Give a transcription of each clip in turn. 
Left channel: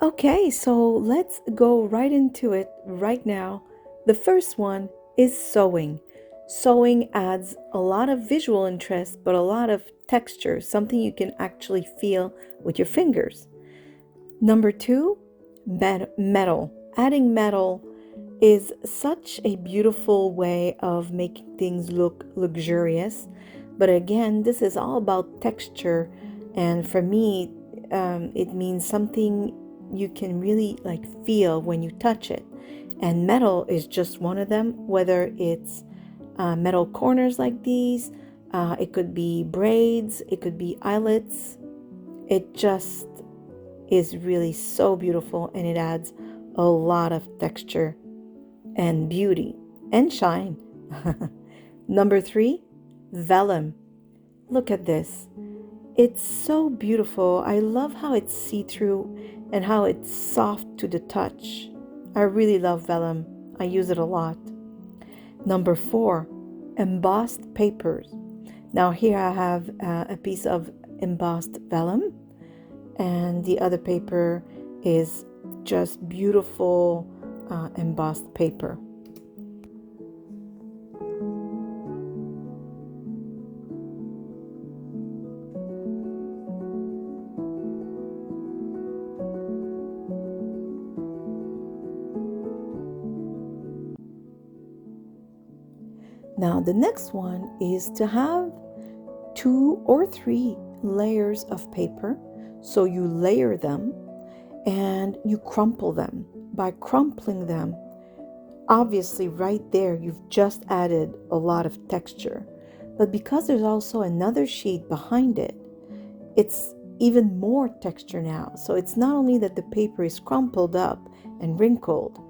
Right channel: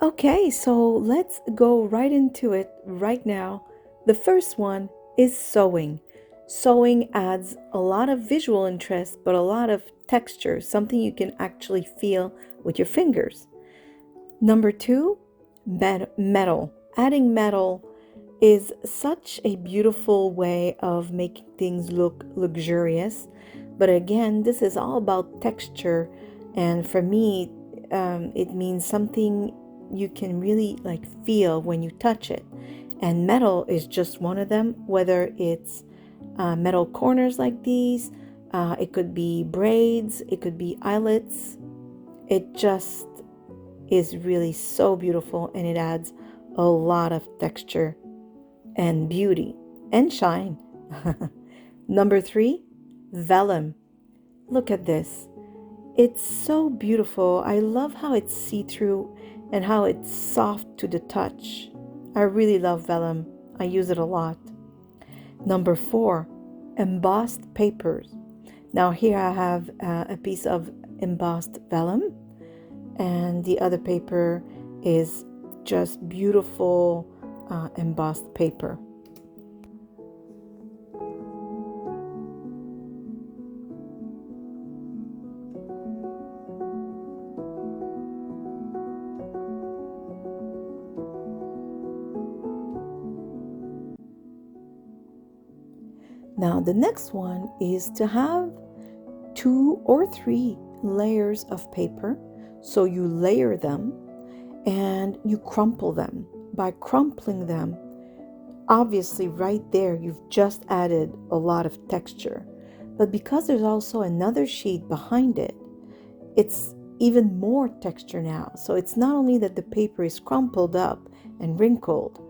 Okay, so let's go right into it right now. The first one is sewing. Sewing adds a lot of visual interest, but a lot of texture, something you can actually feel with your fingers. Number two, metal. Adding metal is such a beautiful way of making things look luxurious. But again, this is all about texture. And for me, it means something you can really like feel when you touch it. And metal is just one of them, whether it's metal corners like these, it could be braids, it could be eyelets. It just is really so beautiful and it adds a lot of texture and beauty and shine. Number three, vellum. Look at this. It's so beautiful. I love how it's see-through and how it's soft to the touch. I really love vellum. I use it a lot. Number four, embossed papers. Now here I have a piece of embossed vellum and the other paper is just beautiful embossed paper. Now the next one is to have 2 or 3 layers of paper. So you layer them and you crumple them. By crumpling them, obviously right there you've just added a lot of texture. But because there's also another sheet behind it, it's even more texture now. So it's not only that the paper is crumpled up and wrinkled,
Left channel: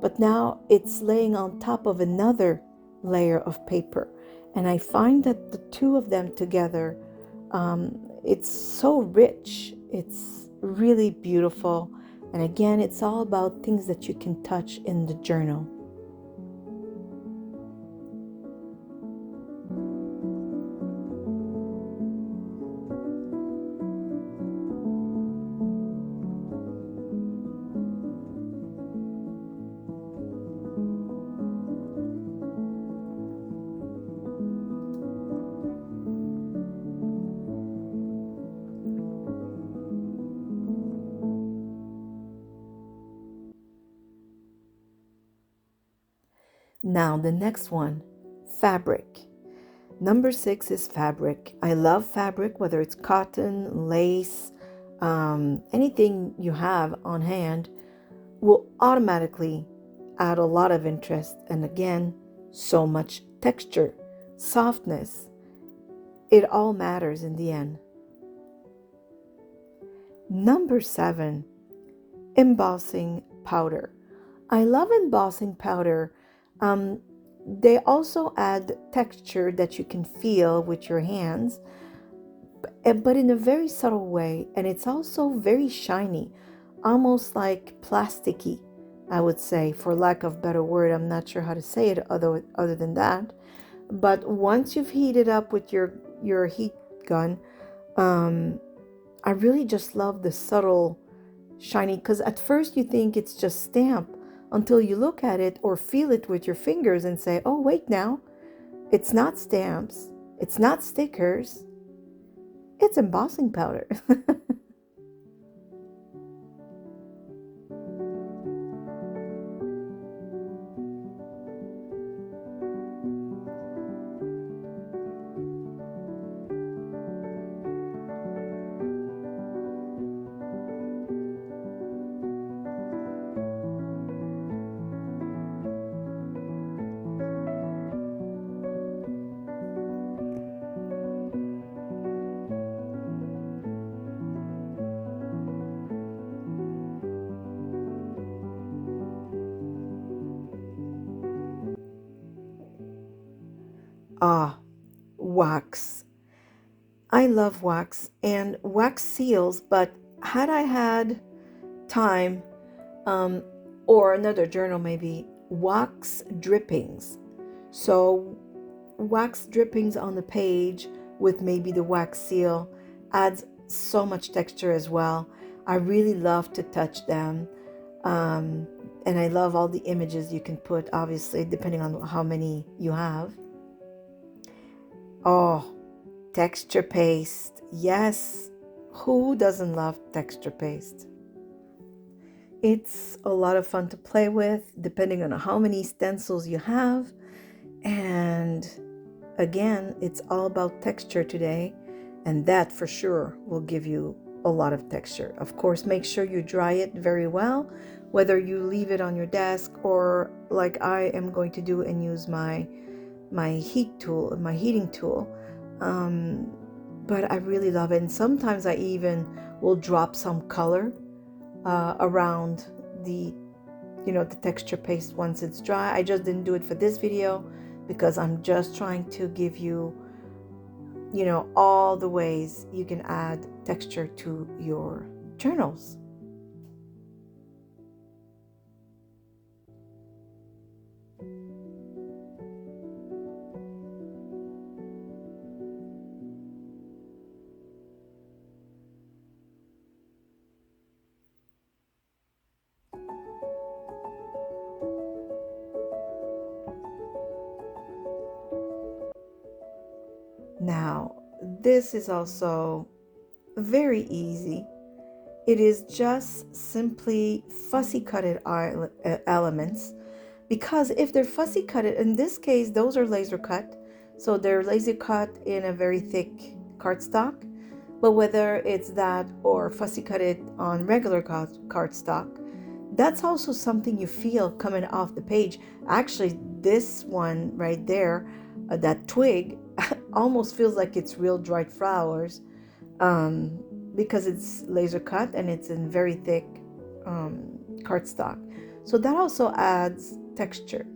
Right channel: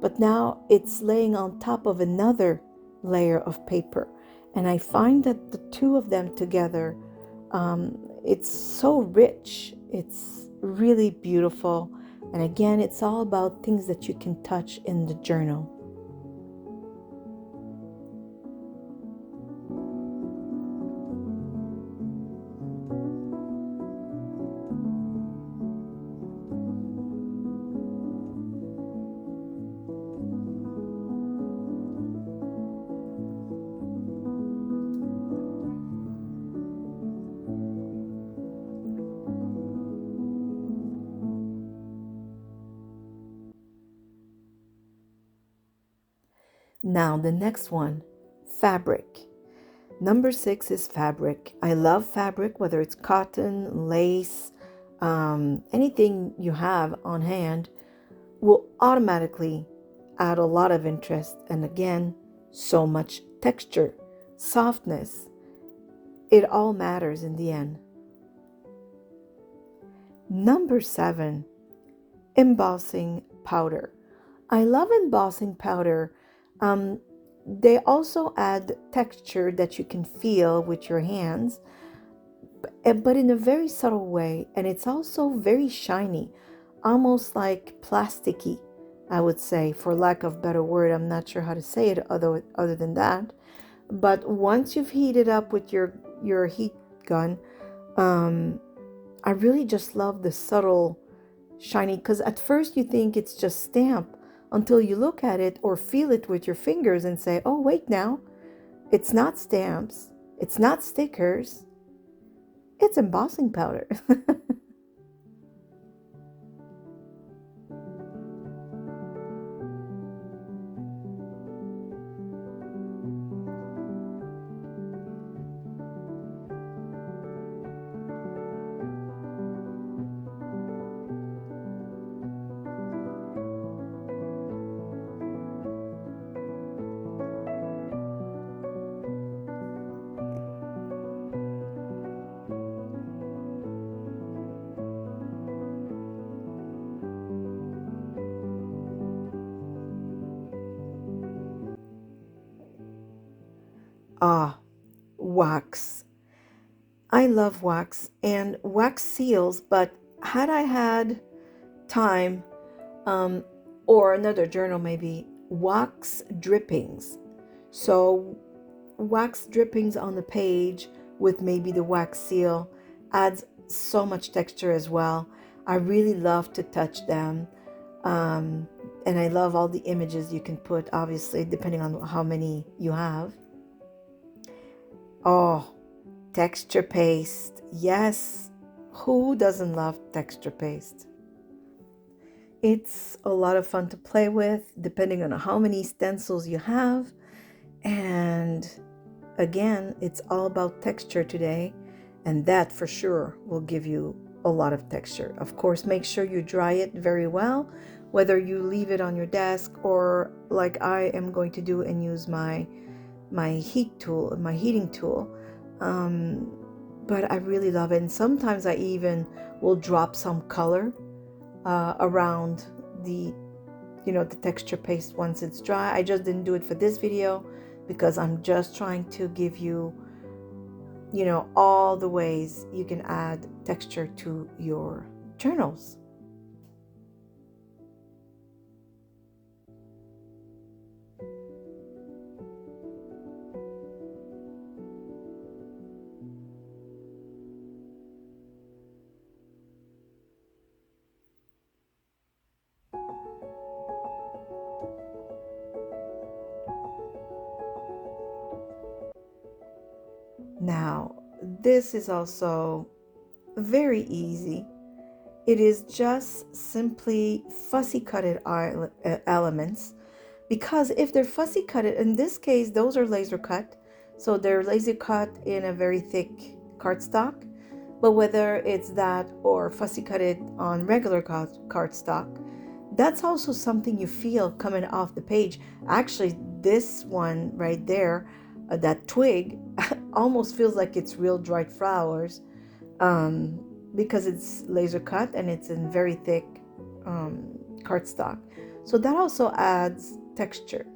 but now it's laying on top of another layer of paper. And I find that the two of them together, it's so rich. It's really beautiful. And again, it's all about things that you can touch in the journal. Now, the next one, fabric. Number 6 is fabric. I love fabric, whether it's cotton, lace, anything you have on hand will automatically add a lot of interest. And again, so much texture, softness. It all matters in the end. Number 7, embossing powder. I love embossing powder. They also add texture that you can feel with your hands, but in a very subtle way. And it's also very shiny, almost like plasticky, I would say, for lack of better word. I'm not sure how to say it other than that. But once you've heated up with your heat gun, I really just love the subtle shiny, because at first you think it's just stamp until you look at it or feel it with your fingers and say, oh, wait now, it's not stamps, it's not stickers, it's embossing powder. Ah, wax. I love wax and wax seals, but had I had time, um, or another journal maybe, wax drippings. So wax drippings on the page with maybe the wax seal adds so much texture as well. I really love to touch them. Um, and I love all the images you can put, obviously, depending on how many you have. Oh, texture paste. Yes. Who doesn't love texture paste? It's a lot of fun to play with, depending on how many stencils you have. And again, it's all about texture today, and that for sure will give you a lot of texture. Of course, make sure you dry it very well, whether you leave it on your desk or like I am going to do and use my heating tool. But I really love it, and sometimes I even will drop some color around the the texture paste once it's dry. I just didn't do it for this video because I'm just trying to give you all the ways you can add texture to your journals. Now, this is also very easy. It is just simply fussy cutted elements, because if they're fussy cutted, in this case, those are laser cut. So they're laser cut in a very thick cardstock. But whether it's that or fussy cutted on regular cardstock, that's also something you feel coming off the page. Actually, this one right there, that twig, almost feels like it's real dried flowers, um, because it's laser cut and it's in very thick cardstock. So that also adds texture.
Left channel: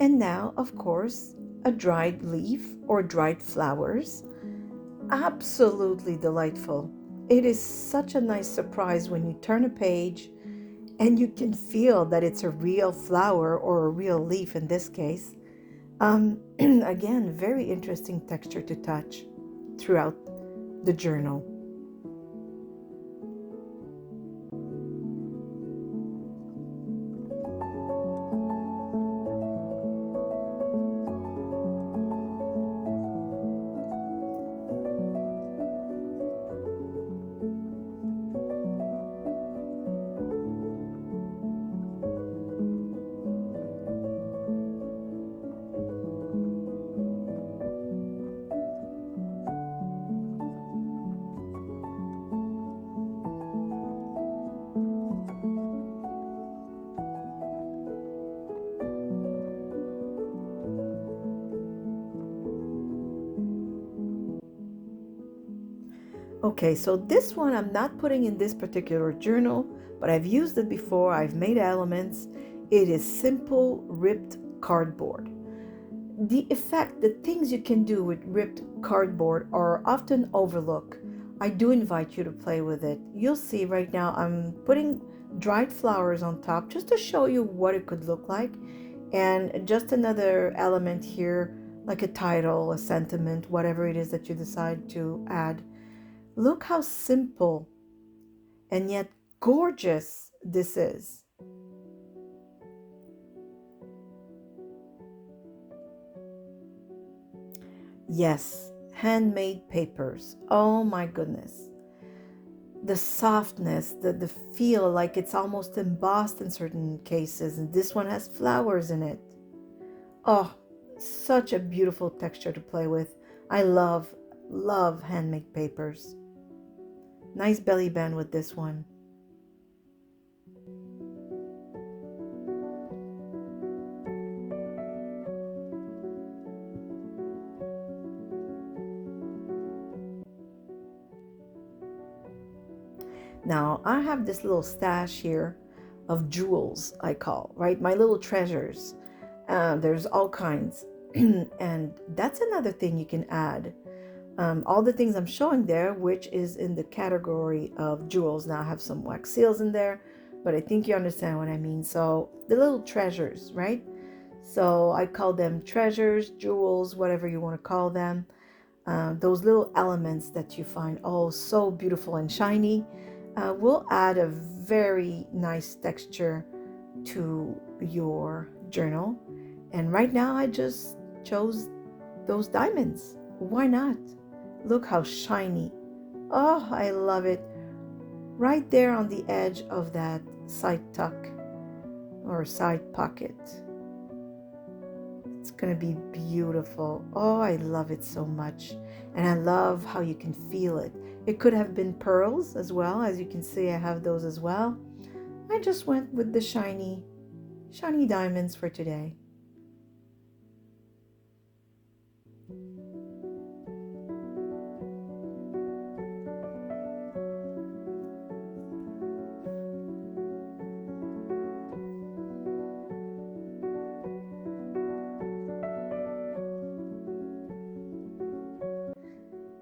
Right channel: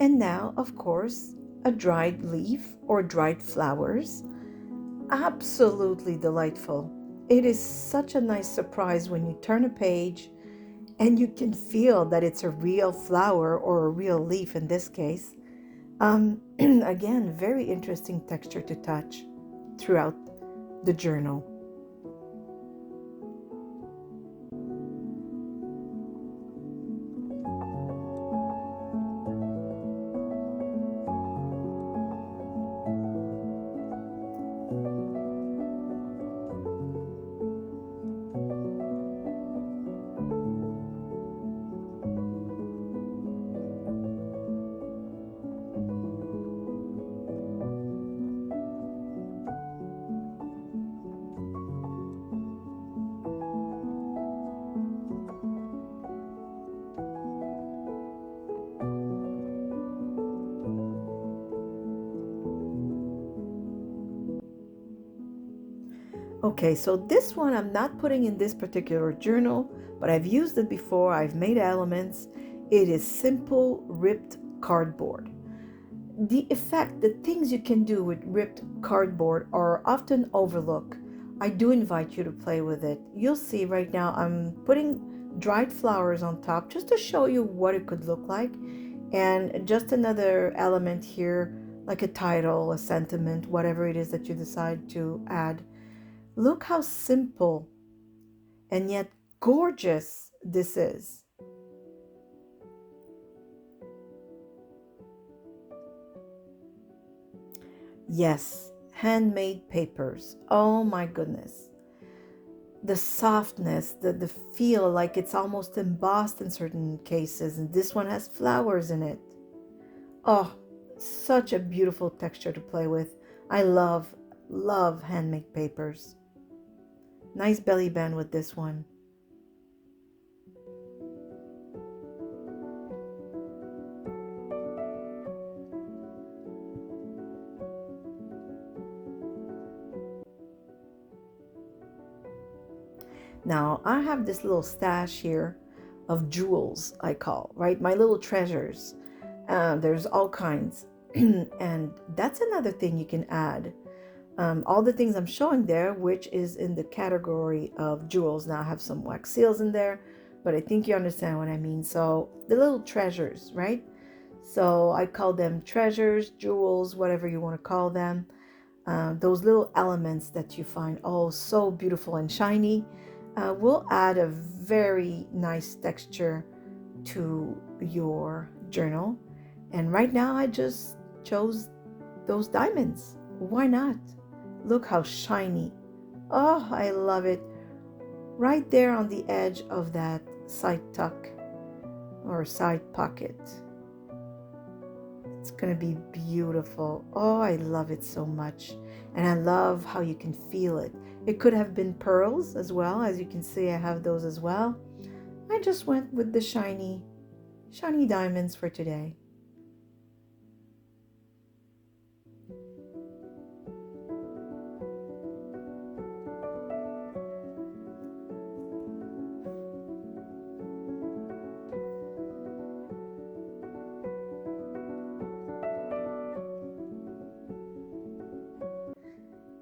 And now, of course, a dried leaf or dried flowers. Absolutely delightful. It is such a nice surprise when you turn a page and you can feel that it's a real flower or a real leaf in this case. Again, very interesting texture to touch throughout the journal. Okay, so this one I'm not putting in this particular journal, but I've used it before. I've made elements. It is simple ripped cardboard. The effect, the things you can do with ripped cardboard are often overlooked. I do invite you to play with it. You'll see right now I'm putting dried flowers on top just to show you what it could look like. And just another element here, like a title, a sentiment, whatever it is that you decide to add. Look how simple and yet gorgeous this is. Yes, handmade papers. Oh my goodness. The softness, the feel like it's almost embossed in certain cases, and this one has flowers in it. Oh, such a beautiful texture to play with. I love handmade papers. Nice belly band with this one. Now, I have this little stash here of jewels, I call, right? My little treasures. There's all kinds. And that's another thing you can add. All the things I'm showing there, which is in the category of jewels. Now I have some wax seals in there, but I think you understand what I mean. So the little treasures, right? So I call them treasures, jewels, whatever you want to call them. Those little elements that you find oh so beautiful and shiny will add a very nice texture to your journal. And right now I just chose those diamonds. Why not? Look how shiny. Oh, I love it. Right there on the edge of that side tuck or side pocket. It's going to be beautiful. Oh, I love it so much. And I love how you can feel it. It could have been pearls as well. As you can see, I have those as well. I just went with the shiny diamonds for today.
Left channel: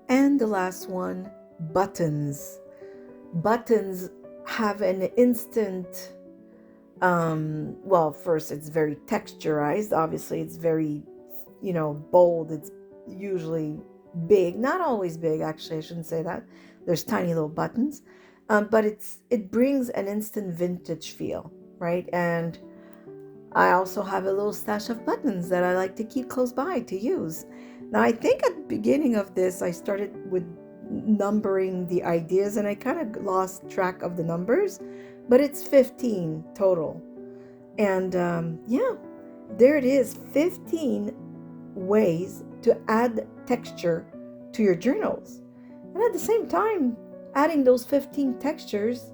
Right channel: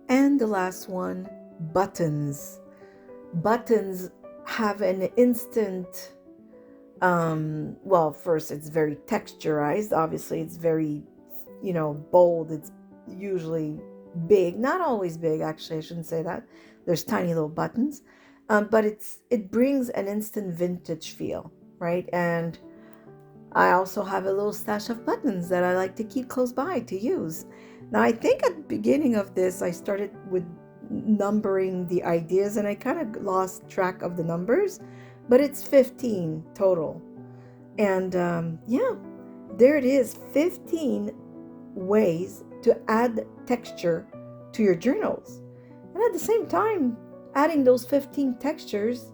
And the last one, buttons. Buttons have an instant, well, first it's very texturized. Obviously, it's very, bold. It's usually big, not always big, actually, I shouldn't say that. There's tiny little buttons, but it brings an instant vintage feel, right? And I also have a little stash of buttons that I like to keep close by to use. Now, I think at the beginning of this, I started with numbering the ideas and I kind of lost track of the numbers, but it's 15 total. And yeah, there it is, 15 ways to add texture to your journals. And at the same time, adding those 15 textures,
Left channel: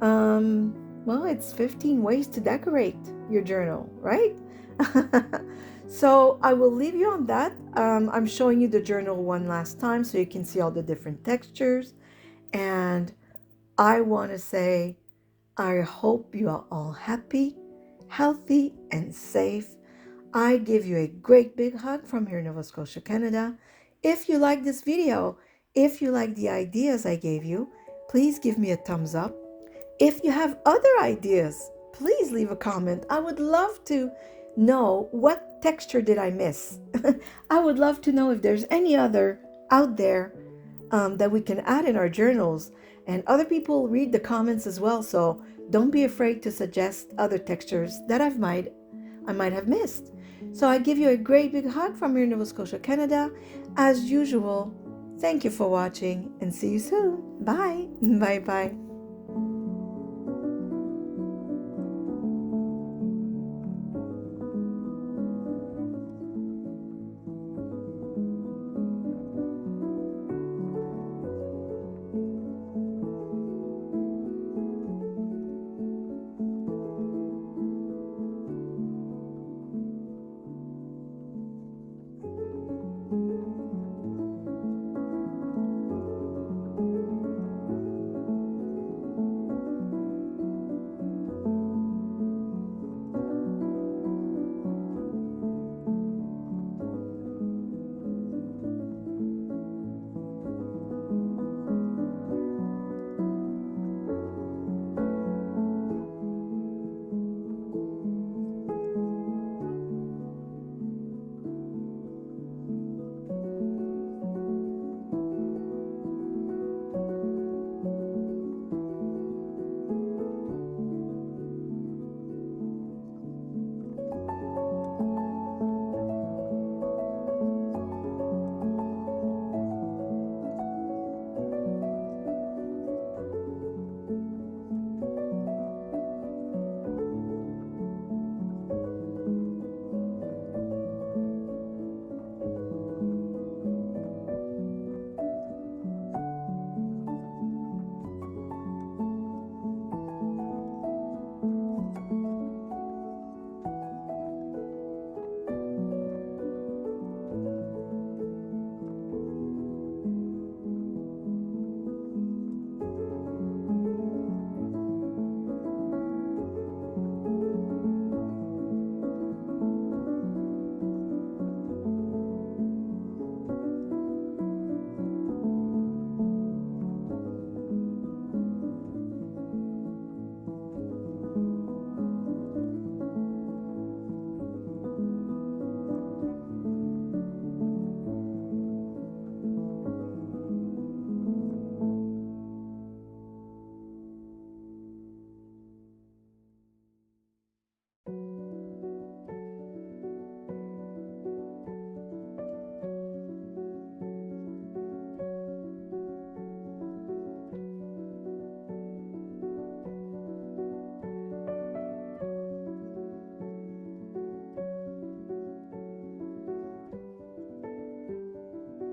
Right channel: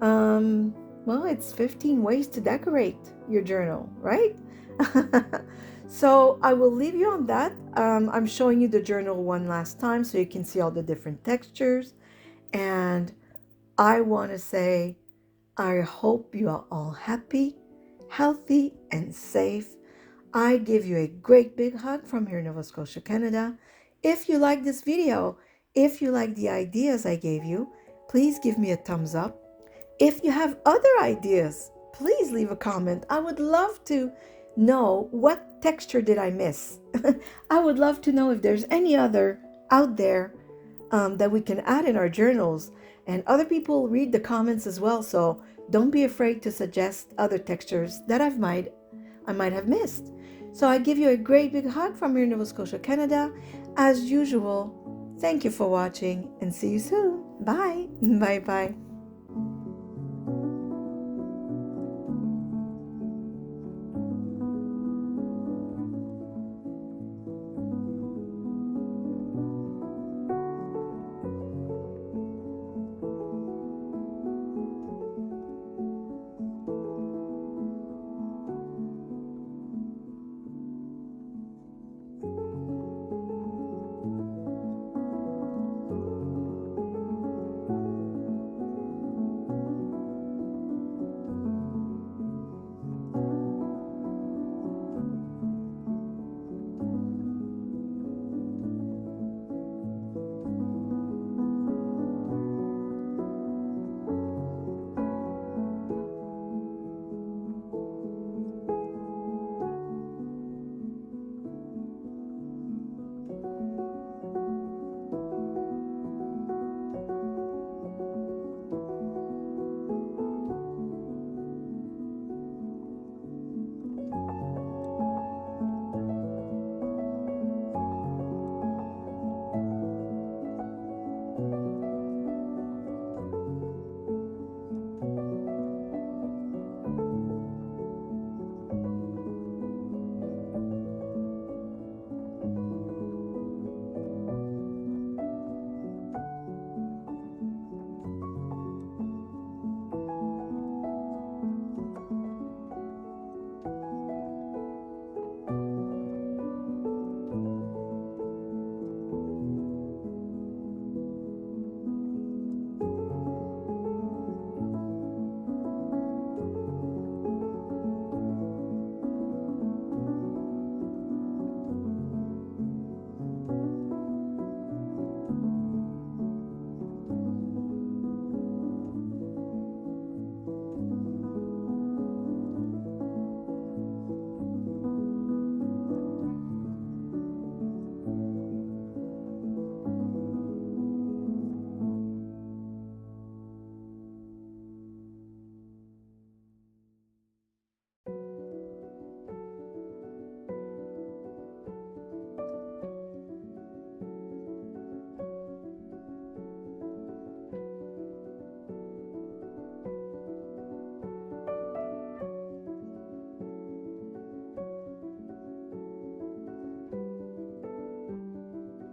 well, it's 15 ways to decorate your journal, right? So I will leave you on that. I'm showing you the journal one last time so you can see all the different textures. And I want to say, I hope you are all happy, healthy, and safe. I give you a great big hug from here in Nova Scotia, Canada. If you like this video, if you like the ideas I gave you, please give me a thumbs up. If you have other ideas, please leave a comment. I would love to know what texture did I miss. I would love to know if there's any other out there that we can add in our journals. And other people read the comments as well, so don't be afraid to suggest other textures that I might have missed. So I give you a great big hug from here in Nova Scotia, Canada. As usual, thank you for watching and see you soon. Bye. Bye bye.